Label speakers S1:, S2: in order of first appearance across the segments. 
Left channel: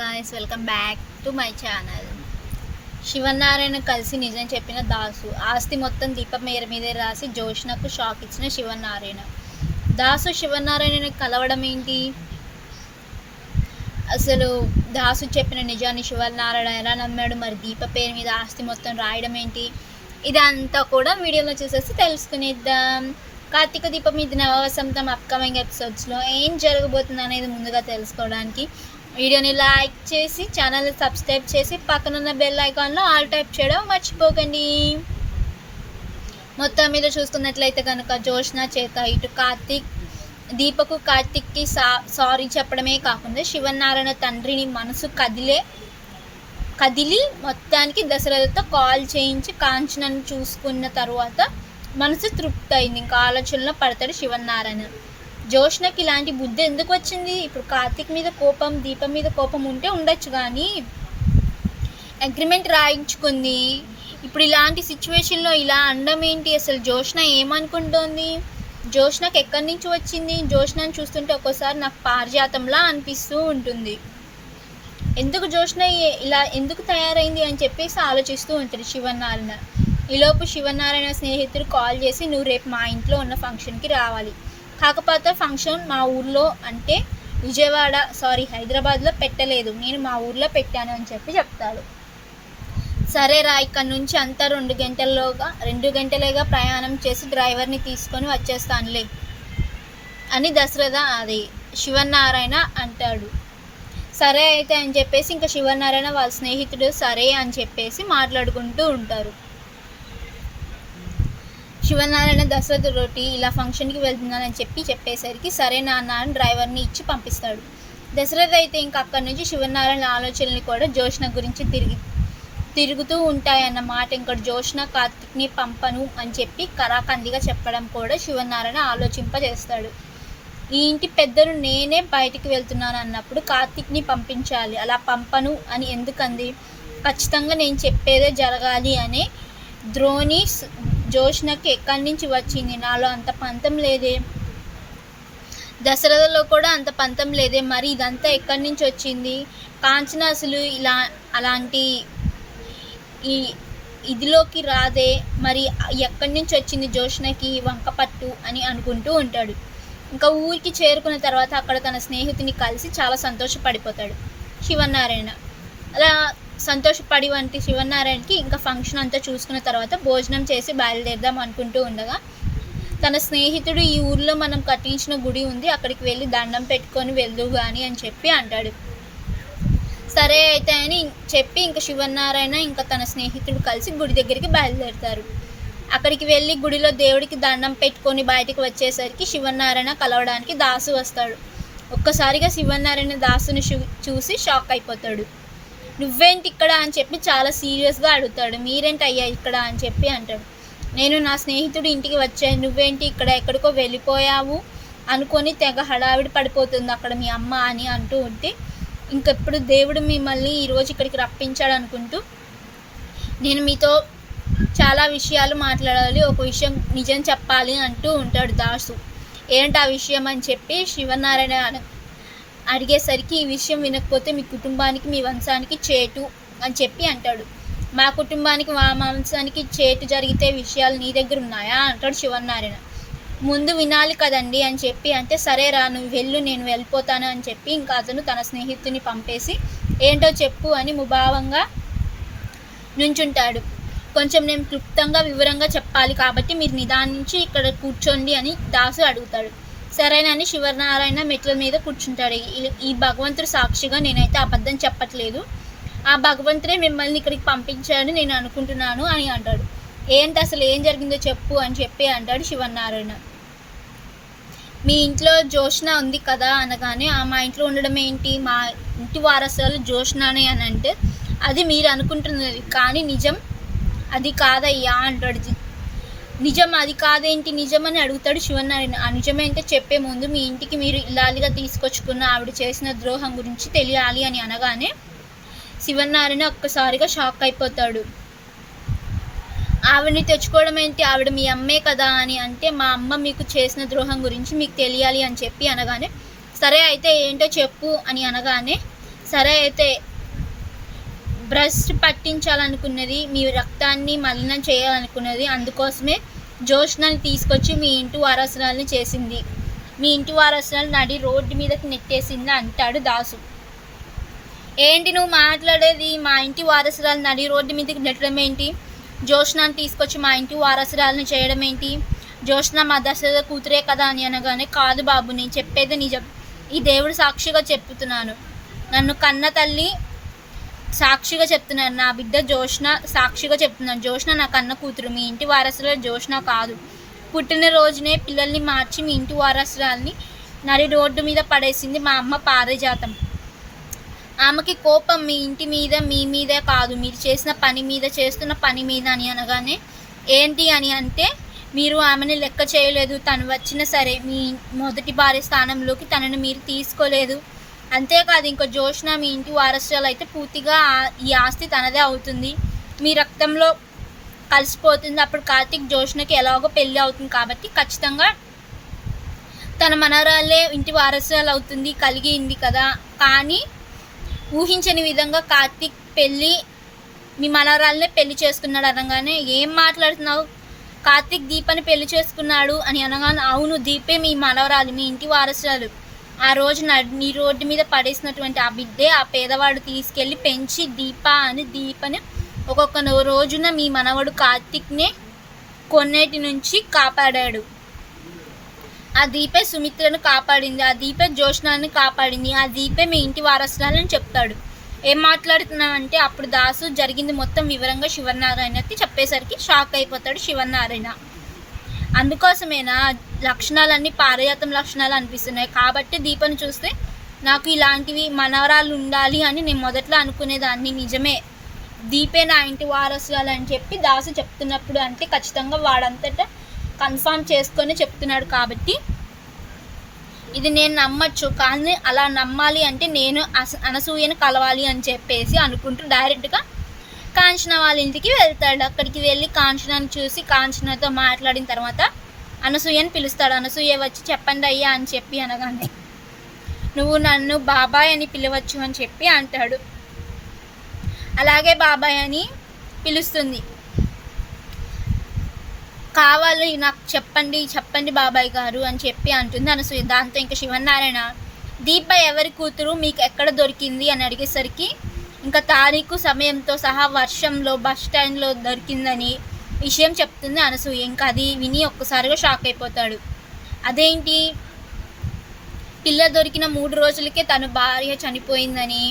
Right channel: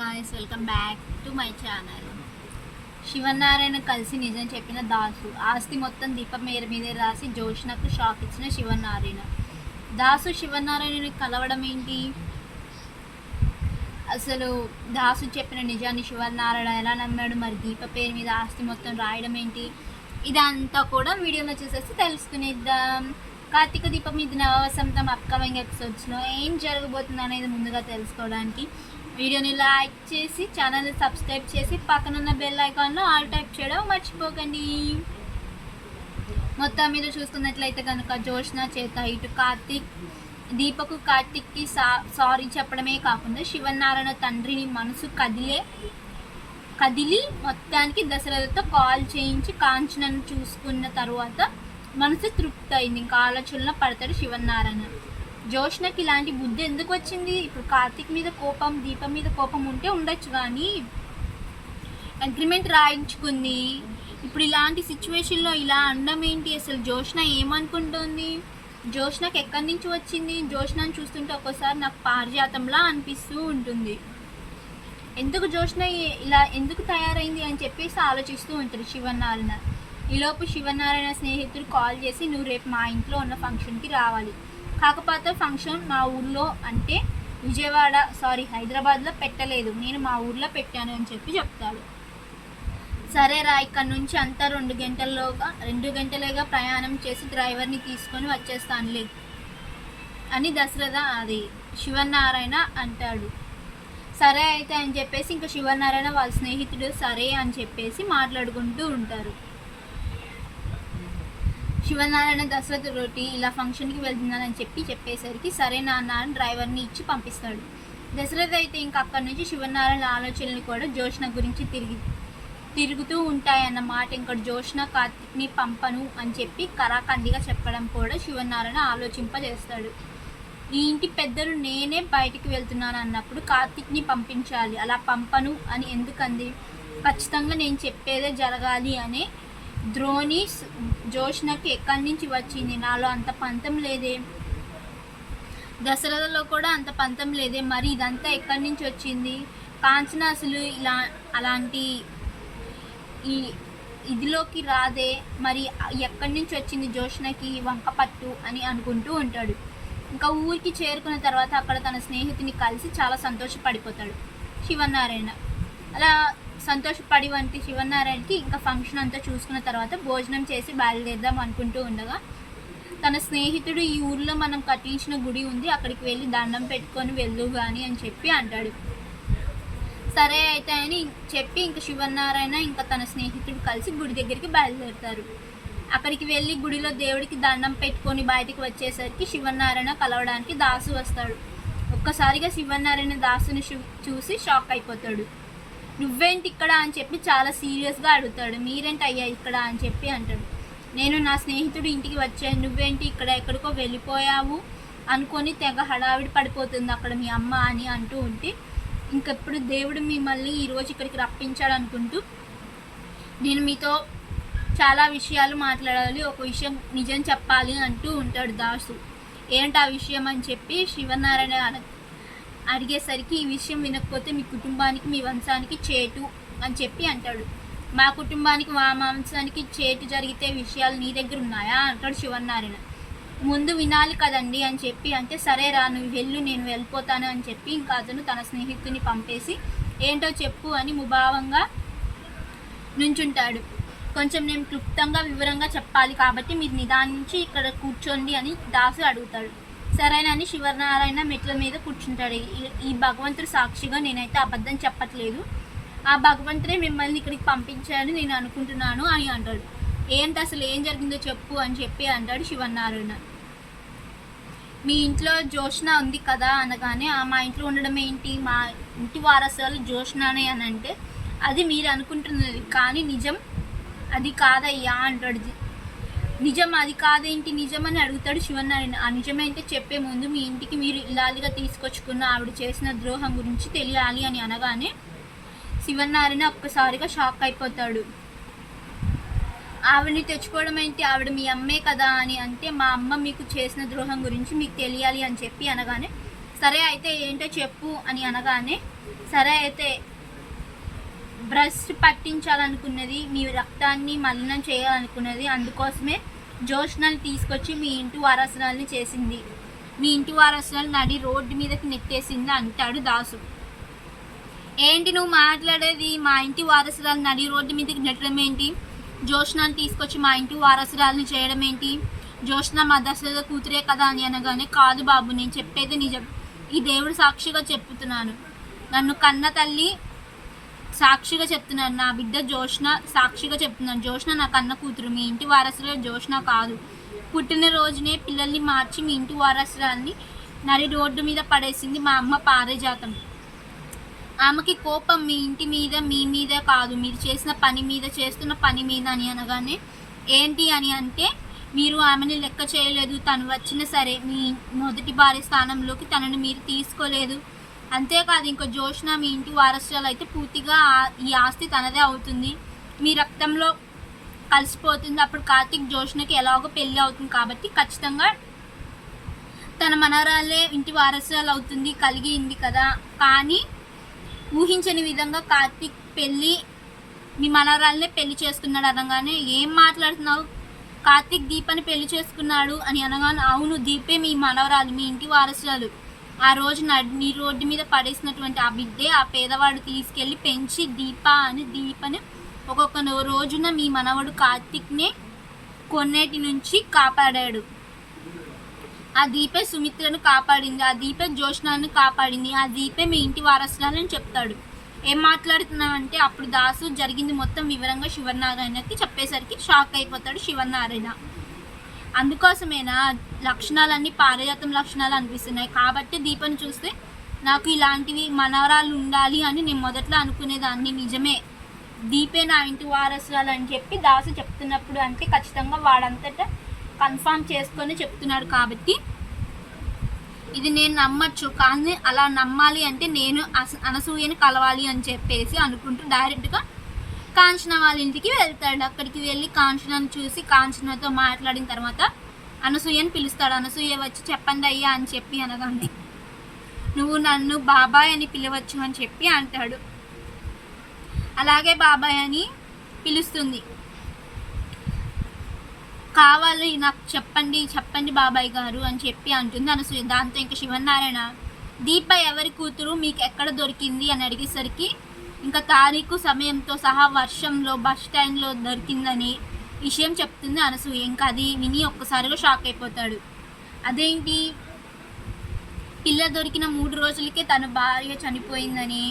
S1: Guys welcome back to my channel Sivanarayana కలిసి నిజం చెప్పిన దాసు. ఆస్తి మొత్తం దీపం మేర మీదే రాసి జోష్నకు షాక్ ఇచ్చిన శివనారాయణ. దాసు శివనారాయణని కలవడం ఏంటి? అసలు దాసు చెప్పిన నిజాన్ని శివనారాయణ ఎలా నమ్మాడు? మరి దీప పేరు మీద ఆస్తి మొత్తం రాయడం ఏంటి? ఇదంతా కూడా వీడియోలో చూసేసి తెలుసుకునేద్దాం. కార్తీక దీపం మీద నవవసంతం అప్కమింగ్ ఎపిసోడ్స్లో ఏం జరగబోతుంది అనేది ముందుగా తెలుసుకోవడానికి వీడియోని లైక్ చేసి ఛానల్ని సబ్స్క్రైబ్ చేసి పక్కనున్న బెల్ ఐకాన్లో ఆల్ టైప్ చేయడం మర్చిపోకండి. మొత్తం మీద చూసుకున్నట్లయితే కనుక జోష్న చేత ఇటు కార్తీక్ దీపకు కార్తిక్కి సా సారీ చెప్పడమే కాకుండా శివనారాయణ తండ్రిని మనసు కదిలే కదిలి మొత్తానికి దశరథతో కాల్ చేయించి కాంచనను చూసుకున్న తర్వాత మనసు తృప్తి అయింది ఇంకా ఆలోచనలో పడతాడు శివనారాయణ. జోష్నకి ఇలాంటి బుద్ధి ఎందుకు వచ్చింది? ఇప్పుడు కార్తీక్ మీద కోపం దీపం మీద కోపం ఉంటే ఉండొచ్చు కానీ అగ్రిమెంట్ రాయించుకుంది. ఇప్పుడు ఇలాంటి సిచ్యువేషన్లో ఇలా అండం ఏంటి? అసలు జోష్న ఏమనుకుంటోంది? జోష్నకు ఎక్కడి నుంచి వచ్చింది? జోష్నని చూస్తుంటే ఒక్కోసారి నాకు పారిజాతంలా అనిపిస్తూ ఉంటుంది. ఎందుకు జోష్న ఇలా ఎందుకు తయారైంది అని చెప్పేసి ఆలోచిస్తూ ఉంటాడు శివనారాయణ ఈలోపు శివనారాయణ స్నేహితుడు కాల్ చేసి నువ్వు రేపు మా ఇంట్లో ఉన్న ఫంక్షన్కి రావాలి. కాకపోతే ఫంక్షన్ మా ఊర్లో అంటే విజయవాడ సారీ హైదరాబాద్లో పెట్టలేదు. నేను మా ఊర్లో పెట్టాను అని చెప్పి చెప్తాడు సరే రా ఇక్కడ నుంచి అంతా రెండు గంటల్లోగా రెండు గంటలేగా ప్రయాణం చేసి డ్రైవర్ని తీసుకొని వచ్చేస్తానులే అని దశరథ అది శివనారాయణ అంటాడు. సరే అయితే అని చెప్పేసి ఇంకా శివనారాయణ వాళ్ళ స్నేహితుడు సరే అని చెప్పేసి మాట్లాడుకుంటూ ఉంటారు. శివనారాయణ దశరథ రోటి ఇలా ఫంక్షన్కి వెళ్తున్నానని చెప్పి చెప్పేసరికి సరే నాన్న అని డ్రైవర్ని ఇచ్చి పంపిస్తాడు. దశరథ అయితే ఇంకా అక్కడి నుంచి శివనారాయణ ఆలోచనలు కూడా జోష్న గురించి తిరిగి తిరుగుతూ ఉంటాయన్న మాట ఇంకా జోష్న కార్తిక్ని పంపను అని చెప్పి కరాకందిగా చెప్పడం కూడా శివనారాయణ ఆలోచింపజేస్తాడు. ఈ ఇంటి పెద్దలు నేనే బయటికి వెళ్తున్నాను అన్నప్పుడు కార్తిక్ని పంపించాలి. అలా పంపను అని ఎందుకంది? ఖచ్చితంగా నేను చెప్పేదే జరగాలి అనే ద్రోణి జోష్నకి ఎక్కడి నుంచి వచ్చింది? నాలో అంత పంతం లేదే. దశరథలో కూడా అంత పంతం లేదే. మరి ఇదంతా ఎక్కడి నుంచి వచ్చింది? కాంచన అసలు ఇలా అలాంటి ఈ ఇదిలోకి రాదే. మరి ఎక్కడి నుంచి వచ్చింది జోష్నకి వంకపట్టు అని అనుకుంటూ ఉంటాడు. ఇంకా ఊరికి చేరుకున్న తర్వాత అక్కడ తన స్నేహితుని కలిసి చాలా సంతోషపడిపోతాడు. శివనారాయణ. అలా సంతోషపడి వంటి శివనారాయణకి ఇంకా ఫంక్షన్ అంతా చూసుకున్న తర్వాత భోజనం చేసి బయలుదేరదాం అనుకుంటూ ఉండగా తన స్నేహితుడు ఈ ఊర్లో మనం కట్టించిన గుడి ఉంది అక్కడికి వెళ్ళి దండం పెట్టుకొని వెళ్ళు కానీ అని చెప్పి అంటాడు. సరే అయితే అని చెప్పి ఇంకా శివనారాయణ ఇంకా తన స్నేహితుడు కలిసి గుడి దగ్గరికి బయలుదేరుతారు. అక్కడికి వెళ్ళి గుడిలో దేవుడికి దండం పెట్టుకొని బయటికి వచ్చేసరికి శివనారాయణ కలవడానికి దాసు వస్తాడు. ఒక్కసారిగా శివనారాయణ దాసుని చూసి షాక్ అయిపోతాడు. నువ్వేంటి ఇక్కడ అని చెప్పి చాలా సీరియస్గా అడుగుతాడు. మీరేంటి అయ్యా ఇక్కడ అని చెప్పి అంటాడు. నేను నా స్నేహితుడు ఇంటికి వచ్చాను. నువ్వేంటి ఇక్కడ ఎక్కడికో వెళ్ళిపోయావు? అనుకొని తెగ హడావిడి పడిపోతుంది అక్కడ మీ అమ్మ అని అంటూ ఉంటే ఇంకెప్పుడు దేవుడు మిమ్మల్ని ఈరోజు ఇక్కడికి రప్పించాడు అనుకుంటూ నేను మీతో చాలా విషయాలు మాట్లాడాలి. ఒక విషయం నిజం చెప్పాలి అంటూ ఉంటాడు దాసు. ఏంటి ఆ విషయం? అని చెప్పి శివనారాయణ అడిగేసరికి ఈ విషయం వినకపోతే మీ కుటుంబానికి మీ వంశానికి చేటు అని చెప్పి అంటాడు. మా కుటుంబానికి మా వంశానికి చేటు జరిగితే విషయాలు నీ దగ్గర ఉన్నాయా? అంటాడు శివనారాయణ ముందు వినాలి కదండి అని చెప్పి అంటే సరే రా నువ్వు వెళ్ళు నేను వెళ్ళిపోతాను అని చెప్పి ఇంకా అతను తన స్నేహితుని పంపేసి ఏంటో చెప్పు అని ముభావంగా నుంచుంటాడు. కొంచెం నేను క్లుప్తంగా వివరంగా చెప్పాలి కాబట్టి మీరు నిదానించి ఇక్కడ కూర్చోండి అని దాసు అడుగుతాడు. సరేనని శివనారాయణ మెట్ల మీద కూర్చుంటాడు. ఈ- ఈ భగవంతుడు సాక్షిగా నేనైతే అబద్ధం చెప్పట్లేదు. ఆ భగవంతుడే మిమ్మల్ని ఇక్కడికి పంపించాడని నేను అనుకుంటున్నాను అని అంటాడు. ఏంటి అసలు ఏం జరిగిందో చెప్పు అని చెప్పి అంటాడు శివనారాయణ. మీ ఇంట్లో జోష్న ఉంది కదా అనగానే ఆ మా ఇంట్లో ఉండడం ఏంటి? మా ఇంటి వారసులు జోష్నానే అని అంటే అది మీరు అనుకుంటున్నది. కానీ నిజం అది కాదయ్యా అంటాడు నిజం అది కాదేంటి నిజం అని అడుగుతాడు శివనారాయణ. ఆ నిజమేంటే చెప్పే ముందు మీ ఇంటికి మీరు ఇల్లాలిగా తీసుకొచ్చుకున్న ఆవిడ చేసిన ద్రోహం గురించి తెలియాలి అని అనగానే శివనారాయణ ఒక్కసారిగా షాక్ అయిపోతాడు. ఆవిడని తెచ్చుకోవడం ఏంటి? ఆవిడ మీ అమ్మే కదా అని అంటే మా అమ్మ మీకు చేసిన ద్రోహం గురించి మీకు తెలియాలి అని చెప్పి అనగానే సరే అయితే ఏంటో చెప్పు అని అనగానే సరే అయితే బ్రష్ పట్టించాలనుకున్నది మీ రక్తాన్ని మలినం చేయాలనుకున్నది అందుకోసమే జోష్నని తీసుకొచ్చి మీ ఇంటి వారసురాల్ని చేసింది. మీ ఇంటి వారసురాలు నడి రోడ్డు మీదకి నెట్టేసింది అంటాడు దాసు. ఏంటి నువ్వు మాట్లాడేది? మా ఇంటి వారసురాలు నడి రోడ్డు మీదకి నెట్టడం ఏంటి? జోష్నాన్ని తీసుకొచ్చి మా ఇంటి వారసురాలను చేయడం ఏంటి? జోష్న మా దశరథ కూతురే కదా అని అనగానే కాదు బాబు నేను చెప్పేది నిజం. ఈ దేవుడు సాక్షిగా చెప్తున్నాను నన్ను కన్న తల్లి సాక్షిగా చెప్తున్నాను. నా బిడ్డ జోష్న సాక్షిగా చెప్తున్నాను. జోష్న నా కన్న కూతురు. మీ ఇంటి వారసుల జోష్న కాదు. పుట్టిన రోజునే పిల్లల్ని మార్చి మీ ఇంటి వారసురాల్ని నడి రోడ్డు మీద పడేసింది మా అమ్మ పారిజాతం. ఆమెకి కోపం మీ ఇంటి మీద మీ మీదే కాదు. మీరు చేసిన పని మీద చేస్తున్న పని మీద అని అనగానే ఏంటి అని అంటే మీరు ఆమెని లెక్క చేయలేదు. తను వచ్చినా సరే మీ మొదటి భార్య స్థానంలోకి తనను మీరు తీసుకోలేదు. అంతేకాదు ఇంకో జోష్న మీ ఇంటి వారసురాలు అయితే పూర్తిగా ఈ ఆస్తి తనదే అవుతుంది. మీ రక్తంలో కలిసిపోతుంది. అప్పుడు కార్తీక్ జోష్నకి ఎలాగో పెళ్ళి అవుతుంది కాబట్టి ఖచ్చితంగా తన మనవరాలే ఇంటి వారసురాలు అవుతుంది కలిగింది కదా. కానీ ఊహించని విధంగా కార్తీక్ పెళ్ళి మీ మనవరాలనే పెళ్ళి చేసుకున్నాడు అనగానే ఏం మాట్లాడుతున్నావు? కార్తీక్ దీపని పెళ్ళి చేసుకున్నాడు అని అనగానే అవును దీపే మీ మనవరాలు మీ ఇంటి వారసురాలు. ఆ రోజు నీ రోడ్డు మీద పడేసినటువంటి ఆ బిడ్డే ఆ పేదవాడు తీసుకెళ్ళి పెంచి దీప అని దీపని ఒక్కొక్క రోజున మీ మనవడు కార్తీక్నే కొన్నేటి నుంచి కాపాడాడు. ఆ దీపే సుమిత్రను కాపాడింది ఆ దీపే జోష్నాన్ని కాపాడింది ఆ దీపే మీ ఇంటి వారసురాలని చెప్తాడు. ఏం మాట్లాడుతున్నామంటే అప్పుడు దాసు జరిగింది మొత్తం వివరంగా శివనారాయణకి చెప్పేసరికి షాక్ అయిపోతాడు శివనారాయణ. అందుకోసమేనా లక్షణాలన్నీ పారజాతం లక్షణాలు అనిపిస్తున్నాయి. కాబట్టి దీపను చూస్తే నాకు ఇలాంటివి మనవరాలు ఉండాలి అని నేను మొదట్లో అనుకునేదాన్ని. నిజమే. దీపే నా ఇంటి వారసురాలు అని చెప్పి దాసు చెప్తున్నప్పుడు అంటే ఖచ్చితంగా వాడంతటా కన్ఫామ్ చేసుకొని చెప్తున్నాడు కాబట్టి ఇది నేను నమ్మచ్చు. కానీ అలా నమ్మాలి అంటే నేను అస- అనసూయను కలవాలి అని చెప్పేసి అనుకుంటూ డైరెక్ట్గా కాంచన వాళ్ళ ఇంటికి వెళ్తాడు. అక్కడికి వెళ్ళి కాంచనని చూసి కాంచనతో మాట్లాడిన తర్వాత అనసూయని పిలుస్తాడు. అనసూయ వచ్చి చెప్పండి అయ్యా అని చెప్పి అనగానే నువ్వు నన్ను బాబాయ్ అని పిలవచ్చు అని చెప్పి అంటాడు. అలాగే బాబాయ్ అని పిలుస్తుంది. కావాలి నాకు చెప్పండి చెప్పండి బాబాయ్ గారు అని చెప్పి అంటుంది అనసూయ. దాంతో ఇంకా శివనారాయణ దీప ఎవరి కూతురు? మీకు ఎక్కడ దొరికింది? అని అడిగేసరికి ఇంకా తారీఖు సమయంతో సహా వర్షంలో బస్ స్టాండ్లో దొరికిందని విషయం చెప్తుంది అనసూయ. ఇంకా అది విని ఒక్కసారిగా షాక్ అయిపోతాడు. అదేంటి? పిల్ల దొరికిన మూడు రోజులకే తన భార్య చనిపోయిందని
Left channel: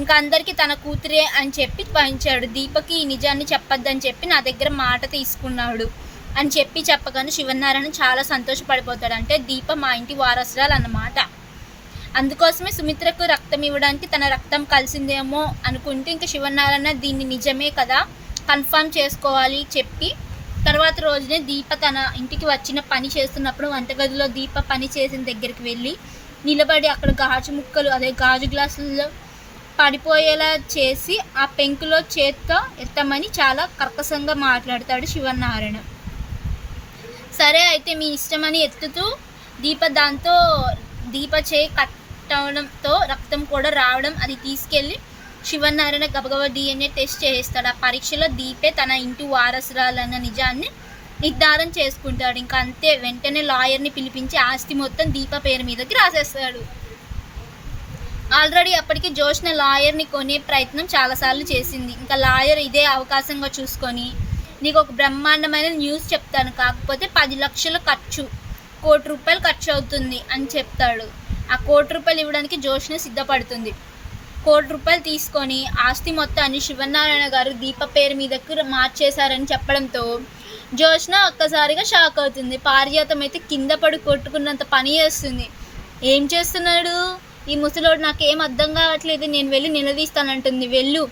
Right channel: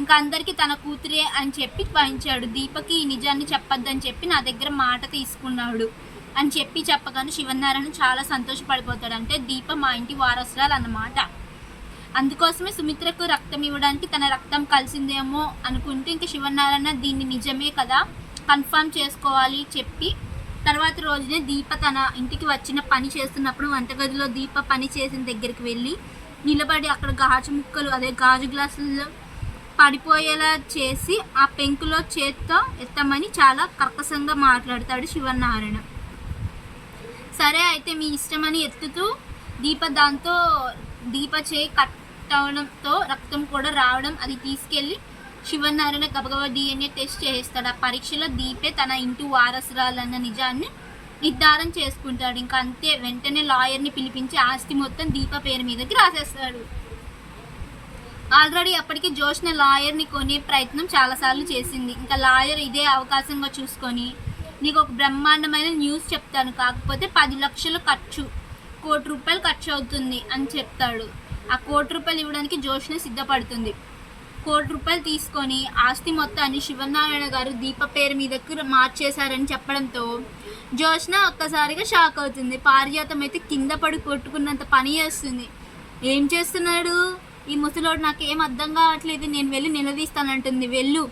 S1: ఇంకా అందరికీ తన కూతురే అని చెప్పి పంచాడు దీపకి ఈ నిజాన్ని చెప్పొద్దని చెప్పి నా దగ్గర మాట తీసుకున్నాడు అని చెప్పి చెప్పగానే శివనారాయణ చాలా సంతోషపడిపోతాడు. అంటే దీప మా ఇంటి వారసురాలు అన్నమాట. అందుకోసమే సుమిత్రకు రక్తం ఇవ్వడానికి తన రక్తం కలిసిందేమో అనుకుంటూ ఇంకా శివనారాయణ దీన్ని నిజమే కదా కన్ఫర్మ్ చేసుకోవాలి చెప్పి తర్వాత రోజునే దీప తన ఇంటికి వచ్చిన పని చేస్తున్నప్పుడు వంటగదిలో దీప పని చేసిన దగ్గరికి వెళ్ళి నిలబడి అక్కడ గాజు ముక్కలు అదే గాజు గ్లాసుల్లో పడిపోయేలా చేసి ఆ పెంకులో చేత్తో ఎత్తమని చాలా కర్కశంగా మాట్లాడతాడు శివనారాయణ. సరే అయితే మీ ఇష్టమని ఎత్తుతూ దీప దాంతో దీప చే కట్టడంతో రక్తం కూడా రావడం అది తీసుకెళ్ళి శివనారాయణ గబగబా డిఎన్ఏ టెస్ట్ చేస్తాడు. ఆ పరీక్షలో దీపే తన ఇంటి వారసురాలన్న నిజాన్ని నిర్ధారం చేసుకుంటాడు. ఇంకా అంతే వెంటనే లాయర్ని పిలిపించి ఆస్తి మొత్తం దీప పేరు మీదకి రాసేస్తాడు. ఆల్రెడీ అప్పటికి జోష్న లాయర్ని కొనే ప్రయత్నం చాలాసార్లు చేసింది. ఇంకా లాయర్ ఇదే అవకాశంగా చూసుకొని నీకు ఒక బ్రహ్మాండమైన న్యూస్ చెప్తాను. కాకపోతే పది లక్షలు ఖర్చు కోటి రూపాయలు ఖర్చు అవుతుంది అని చెప్తాడు. ఆ కోటి రూపాయలు ఇవ్వడానికి జోష్న సిద్ధపడుతుంది. కోటి రూపాయలు తీసుకొని ఆస్తి మొత్తాన్ని శివనారాయణ గారు దీప పేరు మీదకు మార్చేశారని చెప్పడంతో జోష్న ఒక్కసారిగా షాక్ అవుతుంది. పారిజాతం అయితే కింద పడి కొట్టుకున్నంత పని చేస్తుంది. ఏం చేస్తున్నాడు? ఈ ముసలోడు నాకేం అర్థం కావట్లేదు. నేను వెళ్ళి నిలదీస్తానంటుంది. వెళ్ళు.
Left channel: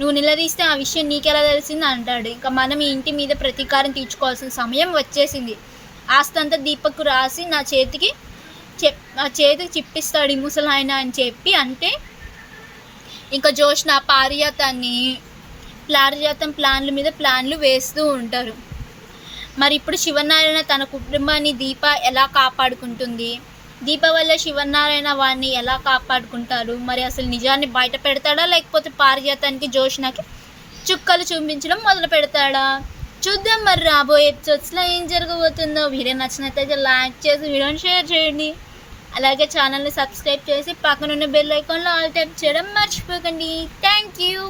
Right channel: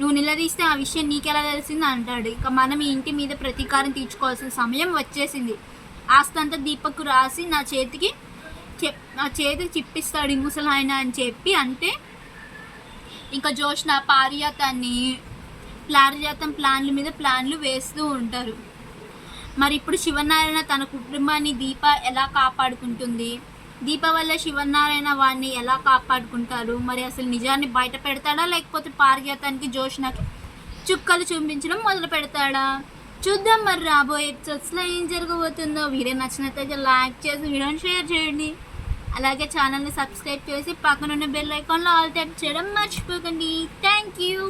S1: నువ్వు నిలదీస్తే ఆ విషయం నీకెలా తెలిసింది? అంటాడు. ఇంకా మనం ఈ ఇంటి మీద ప్రతీకారం తీర్చుకోవాల్సిన సమయం వచ్చేసింది. ఆస్తంతా దీపకు రాసి నా చేతికి చెప్ నా చేతికి చిప్పిస్తాడు ఈ ముసలాయన అని చెప్పి అంటే ఇంకా జోష్న పారిజాతాన్ని పారిజాతం ప్లాన్ల మీద ప్లాన్లు వేస్తూ ఉంటారు. మరి ఇప్పుడు శివనారాయణ తన కుటుంబాన్ని దీప ఎలా కాపాడుకుంటుంది? దీప వల్ల శివనారాయణ వాడిని ఎలా కాపాడుకుంటారు? మరి అసలు నిజాన్ని బయట పెడతాడా? లేకపోతే పారిజాతానికి జోష్నకి చుక్కలు చూపించడం మొదలు పెడతాడా? చూద్దాం మరి రాబోయే ఎపిసోడ్స్లో ఏం జరగబోతుందో. వీడియో నచ్చినట్లయితే లైక్ చేసి వీడియోని షేర్ చేయండి. అలాగే ఛానల్ని సబ్స్క్రైబ్ చేసి పక్కనున్న బెల్ ఐకాన్లో ఆల్ ట్యాప్ చేయడం మర్చిపోకండి. Thank you.